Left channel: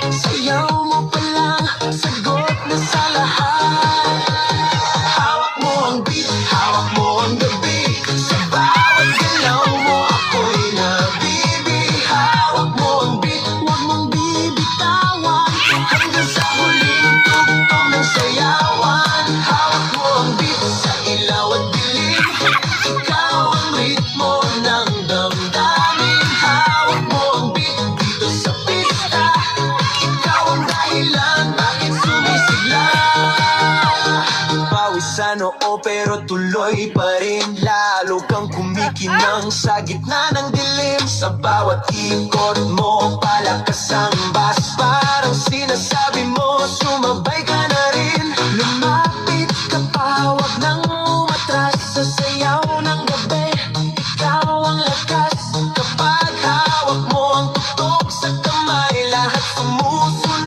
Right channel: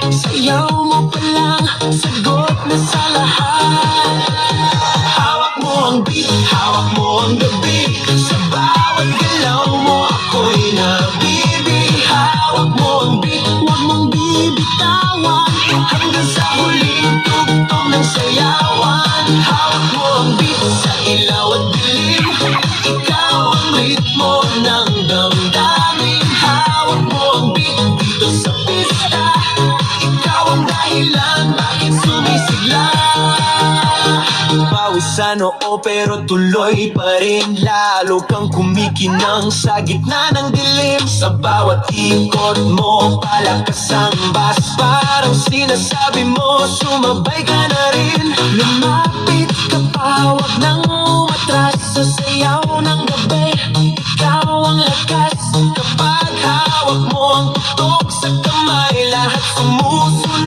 Sayaw mo pa lang, sagot na sa lahat. Hawak mo ang beat, hawak mo ang gabi. Sa bawat galaw mo ako'y nabibig. Hawak mo ang beat, huwag mong bibitawan. Hanggang sa huling tugtog ng sayawan. Hawak mo ang beat sa ilaw at dilim. Ikaw ang ritmo ng damdamin. Hawak mo ang beat dito sa pista. Ikaw ang dahilan bakit sumisigla. Pawis sa noo pero tuloy pa rin. Lalo kang kumikinang sa gitna ng dilim. Sa bawat ikot mo palakas ang bas. Parang sinasabi mo sumabay ka na rin. Lumapit ka pa, wag nang umatras. Sa sayaw ng gabi, ikaw ang lakas. Kapag hawak mo ang tutok sa kamay, lahat sumusunod.